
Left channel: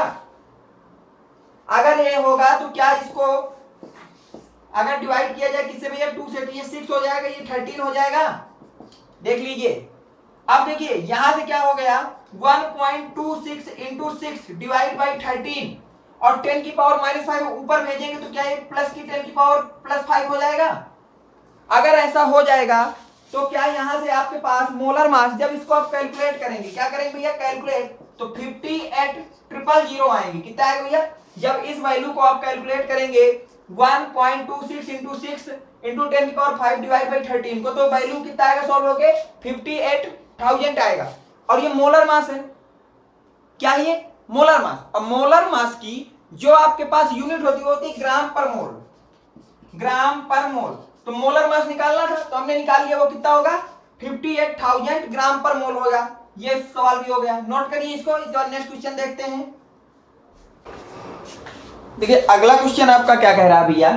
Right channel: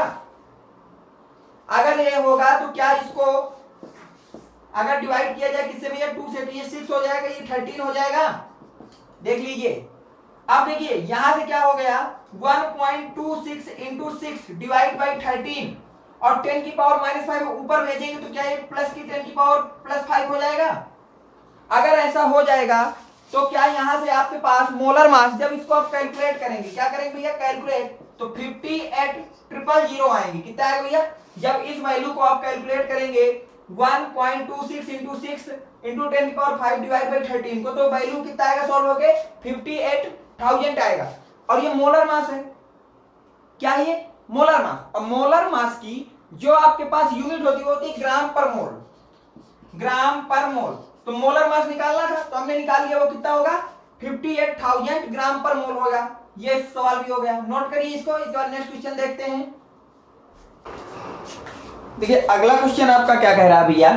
अगर ये होगा तो क्या इसको अगर डिवाइड किया जाए किससे भैया 2 से, तो ये 6 हो जाएगा, ये 13 हो जाएगा। देख लीजिए, अब देखिए यहां से क्या हो गया 1.26 इंटू 6 डिवाइड बाई 13 और 10⁻⁵ ऊपर भेजेंगे तो क्या ये प्लस की 10⁻+5 हो जाएगा। अगर ऐसा हो जाएगा तो क्या यहां से आपके पास मोलर मास, जब इसको आप कैलकुलेट करेंगे, क्या करेंगे भैया कैलकुलेट, तो 58,000 आएंगे। कितना आएगा भैया, जब इस वैल्यू को आप कैलकुलेट करेंगे 1.26 इंटू 6 इंटू 10⁻⁵ डिवाइड बाई 13 को, तो वैल्यू कितना आएगा सॉल्व होके 58,000 आएगा। और ये मोलर मास है, क्या ये मोलर मास। अब मोलर मास की जो आपके पास यूनिट होती है ग्राम पर मोल, ग्राम पर मोल। तो मोलर मास निकालना था तो हमने निकाल लिया, वो कितना होगा 58,000 ग्राम पर मोल होगा। ये सवाल भी हो गया, नोट करिए इसको। नेक्स्ट क्वेश्चन देखते हैं। देखिए अगला क्वेश्चन आपका क्या कह रहा है भैया,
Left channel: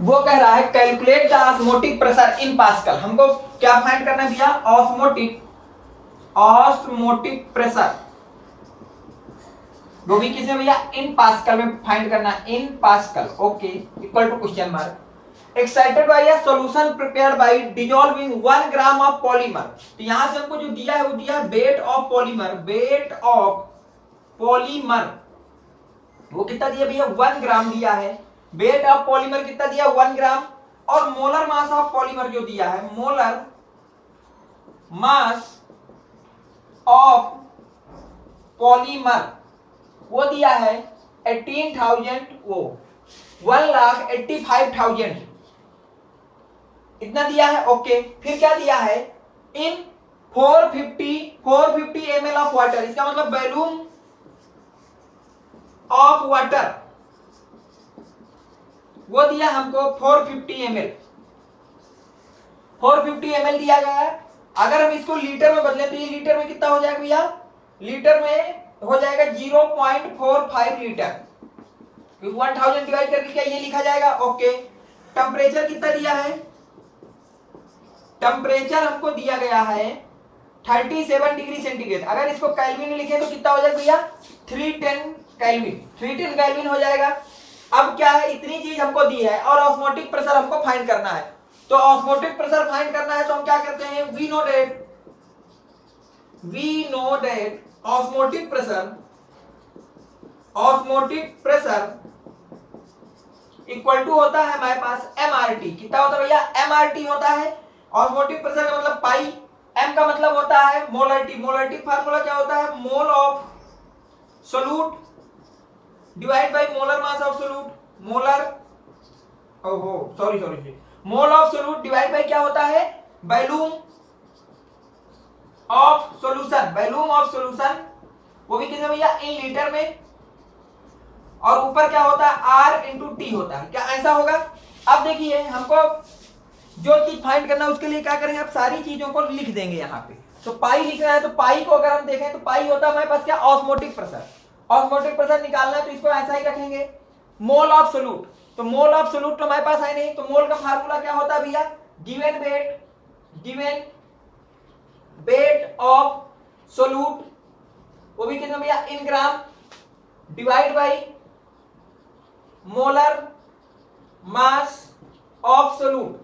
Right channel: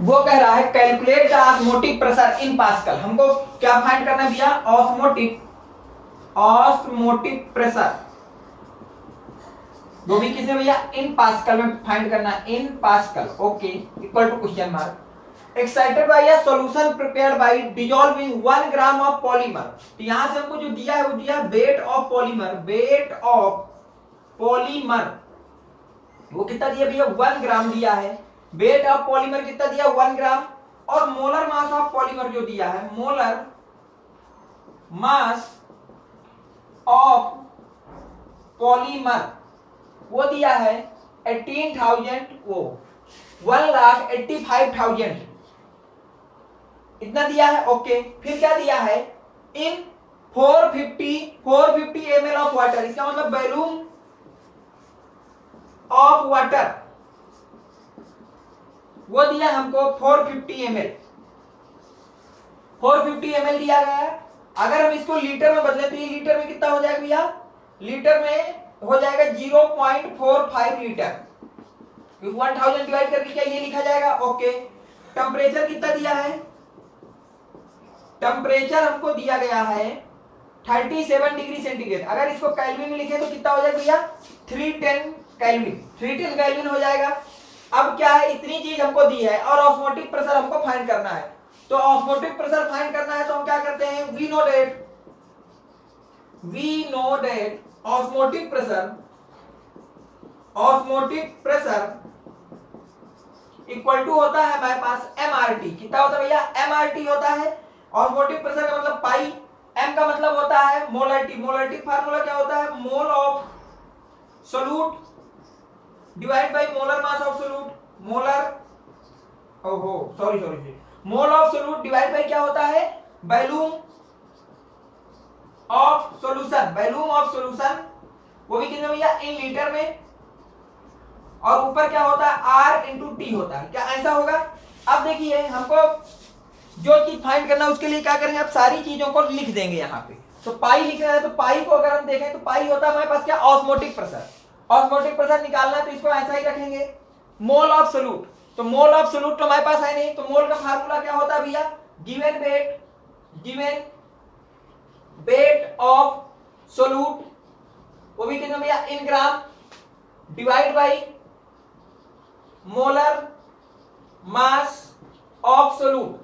वो कह रहा है calculate the osmotic pressure in pascal. हमको क्या फाइंड करना है भैया, ऑस्मोटिक प्रेशर, वो भी किसे भैया इन पास्कल में फाइंड करना है, in pascal. Okay, equal to question mark excited by a solution prepared by dissolving 1 gram of polymer. तो यहां से हमको जो दिया है वो दिया weight of polymer, weight of polymer वो कितना दिया भैया 1 ग्राम दिया है। वेट ऑफ पॉलीमर कितना दिया 1 ग्राम, और मोलर मास ऑफ पॉलीमर जो दिया है, मोलर मास ऑफ पॉलीमर वो दिया है 18,000 वो 1,85,000 इतना दिया है। ओके, फिर क्या दिया है इन 450 ml ऑफ वाटर, इसका मतलब वॉल्यूम ऑफ वाटर वो दिया हमको 450 ml दिया गया है। अगर हम इसको लीटर में बदले तो ये लीटर में कितना हो जाएगा भैया, लीटर में हो जाएगा 0.45 लीटर, 1000 डिवाइड करके क्या ये लिखा जाएगा। ओके, टेम्परेचर कितना दिया है, टेम्परेचर हमको दिया गया है 37 डिग्री सेंटीग्रेड। अगर इसको केल्विन में लिखें तो कितना हो जाएगा भैया 310 केल्विन हो जाएगा। अब क्या है, इतनी चीज हमको दी है और ऑस्मोटिक प्रेशर हमको फाइंड करना है। तो ऑस्मोटिक प्रेशर फाइंड करना है तो हम क्या करते हैं, we know that osmotic pressure equal to होता है हमारे पास एमआरटी। कितना होता है भैया, एमआरटी होता है। ऑस्मोटिक प्रेशर का मतलब पाई, एम का मतलब होता है मोलरिटी फार्मूला क्या होता है, mole of solute divide by molar mass of solute, mole of solute divide by क्या होता है, वॉल्यूम ऑफ सॉल्यूशन, वो भी कितने भैया इन लीटर में, और ऊपर क्या होता है आर इंटू टी होता है। क्या ऐसा होगा। अब देखिए हमको जो चीज फाइंड करना है उसके लिए क्या करेंगे, अब सारी चीजों को लिख देंगे यहाँ पे। तो पाई लिखना है तो पाई को अगर हम देखें तो पाई होता है हमारे पास क्या, ऑस्मोटिक प्रेशर निकालना है तो इसको ऐसा ही रखेंगे। मोल ऑफ सोल्यूट, तो मोल ऑफ सोल्यूट तो हमारे पास है नहीं, तो मोल का फार्मूला क्या होता है भैया, गिवन वेट ऑफ सोल्यूट, वो भी कितना भैया in gram, divide by molar mass of solute,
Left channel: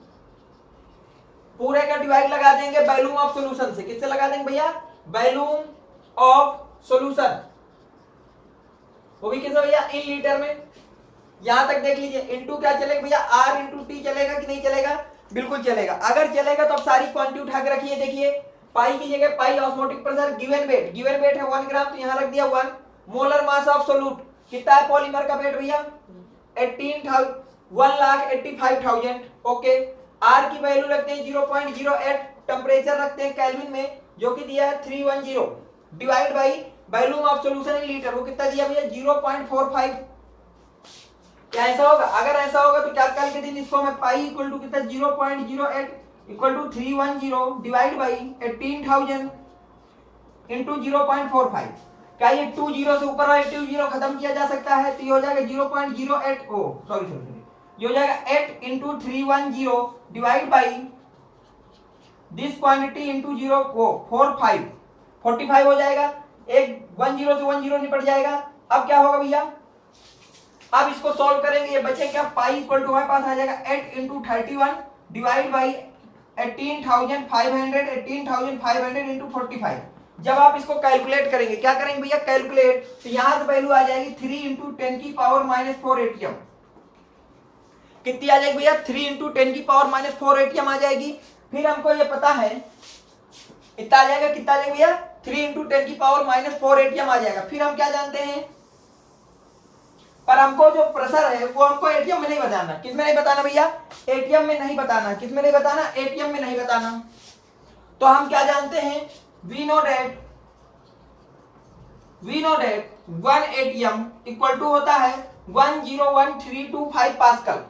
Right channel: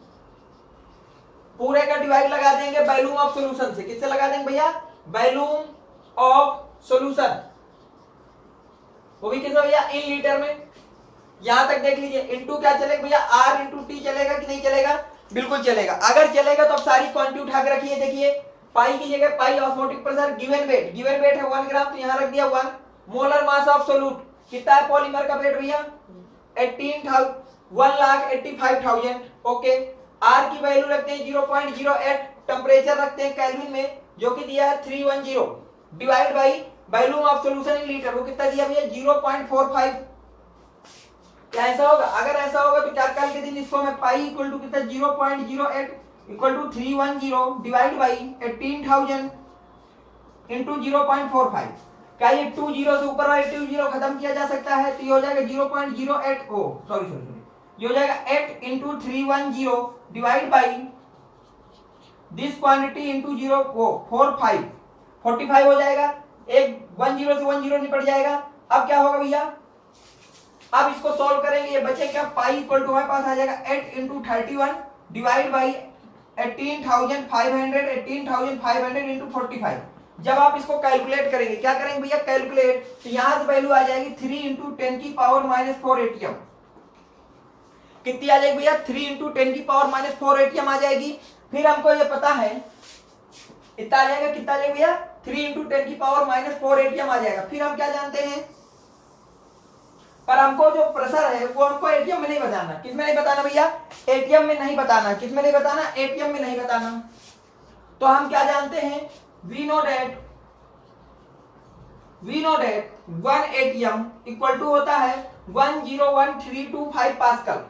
पूरे का डिवाइड लगा देंगे वॉल्यूम ऑफ सॉल्यूशन से। किससे लगा देंगे भैया, वॉल्यूम ऑफ सॉल्यूशन, वो भी कितना भैया इन लीटर में। यहां तक देख लीजिए, इनटू क्या चलेगा भैया, आर इंटू टी चलेगा कि नहीं चलेगा, बिल्कुल चलेगा। अगर चलेगा तो अब सारी क्वांटिटी उठा के रखिए। देखिए पाई की जगह पाई ऑस्मोटिक प्रेशर, गिवन वेट है 1 ग्राम, तो यहां रख दिया 1। मोलर मास ऑफ सोल्यूट कितना है, पॉलीमर का वेट भैया 1,85,000। ओके, आर की वैल्यू रखते हैं 0.08, टेम्परेचर रखते हैं केल्विन में जो कि दिया है 310, divide by volume of solution in litre, वो कितना दिया भैया 0.45। क्या ऐसा होगा, अगर ऐसा होगा तो क्या कल के दिन इसको मैं पाई इक्वल टू कितना 0.08 equal to 310 divide by 18,000 into 0.45। क्या ये 20 से ऊपर वाले 20 खत्म किया जा सकता है, तो ये हो जाएगा 0.08, ये हो जाएगा 8 into 310 divide by this quantity into 45 हो जाएगा। एक 10 से 10 निपट जाएगा। अब क्या होगा भैया, अब इसको सॉल्व करेंगे, ये बचे क्या, पाई इक्वल टू हमारे पास आ जाएगा 8 इंटू 31 डिवाइड बाई 18,500 इंटू 45। जब आप इसको कैलकुलेट करेंगे, क्या करेंगे भैया कैलकुलेट, तो यहां से वैल्यू आ जाएगी 3 इंटू 10 की पावर -4 एटीएम। कितनी आ जाएगी भैया, 3 इंटू 10 की पावर -4 एटीएम आ जाएगी। फिर हमको ये पता है इतना आ जाएगा, कितना आ जाएगा भैया 3 इंटू 10 की पावर -4 एटीएम आ जाएगा। फिर हम क्या जानते हैं, पर हमको जो प्रेशर है वो हमको एटीएम में नहीं बताना। किस में नहीं बताना भैया, एटीएम में नहीं बताना। किस में नहीं बताना, एटीएम में नहीं बताना। तो हम क्या जानते हैं, we know that 1 atm equal to होता है 101,325 पास्कल,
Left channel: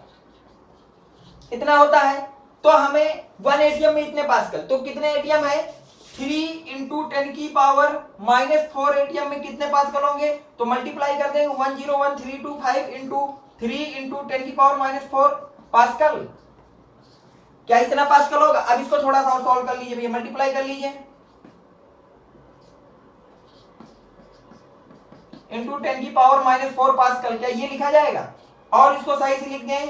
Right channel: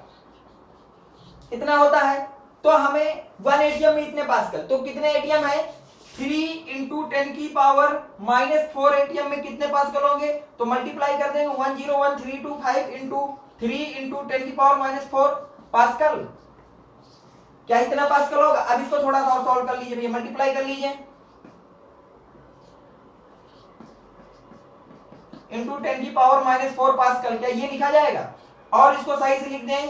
इतना होता है। तो हमें 1 एटीएम में इतने पास्कल, तो कितने एटीएम है, 3 इंटू 10 की पावर -4 एटीएम में कितने पास्कल होंगे, तो मल्टीप्लाई कर देंगे 101,325 इंटू 3 इंटू 10 की पावर -4 पास्कल। क्या इतना पास्कल होगा। अब इसको थोड़ा सा सॉल्व कर लीजिए भैया, मल्टीप्लाई कर लीजिए इंटू 10 की पावर -4 पास्कल। क्या ये लिखा जाएगा, और इसको सही से लिख दें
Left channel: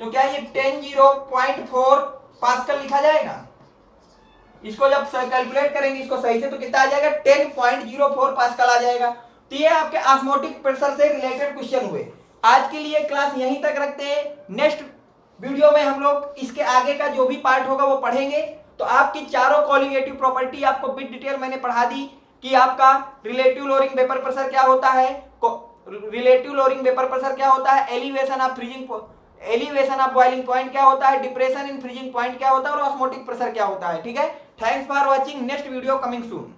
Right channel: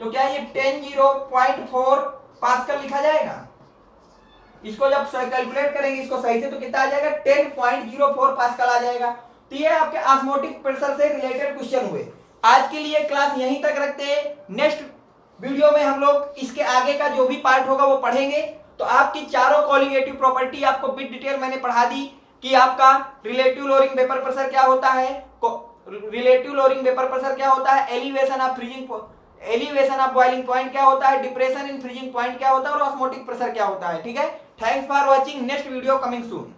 तो क्या ये 10.4 पास्कल लिखा जाएगा। इसको जब कैलकुलेट करेंगे इसको सही से तो कितना आ जाएगा 10.04 पास्कल आ जाएगा। तो ये आपके ऑस्मोटिक प्रेशर से रिलेटेड क्वेश्चन हुए। आज के लिए क्लास यहीं तक रखते हैं। नेक्स्ट वीडियो में हम लोग इसके आगे का जो भी पार्ट होगा वो पढ़ेंगे। तो आपकी चारों कॉलिगेटिव प्रॉपर्टी आपको बिट डिटेल मैंने पढ़ा दी। कि आपका रिलेटिव लोअरिंग वेपर प्रेशर क्या होता है, रिलेटिव लोअरिंग वेपर प्रेशर क्या होता है, एलिवेशन ऑफ बॉइलिंग पॉइंट क्या होता है, डिप्रेशन इन फ्रीजिंग पॉइंट क्या होता है और ऑस्मोटिक प्रेशर क्या होता है। ठीक है, thanks for watching, next video coming soon.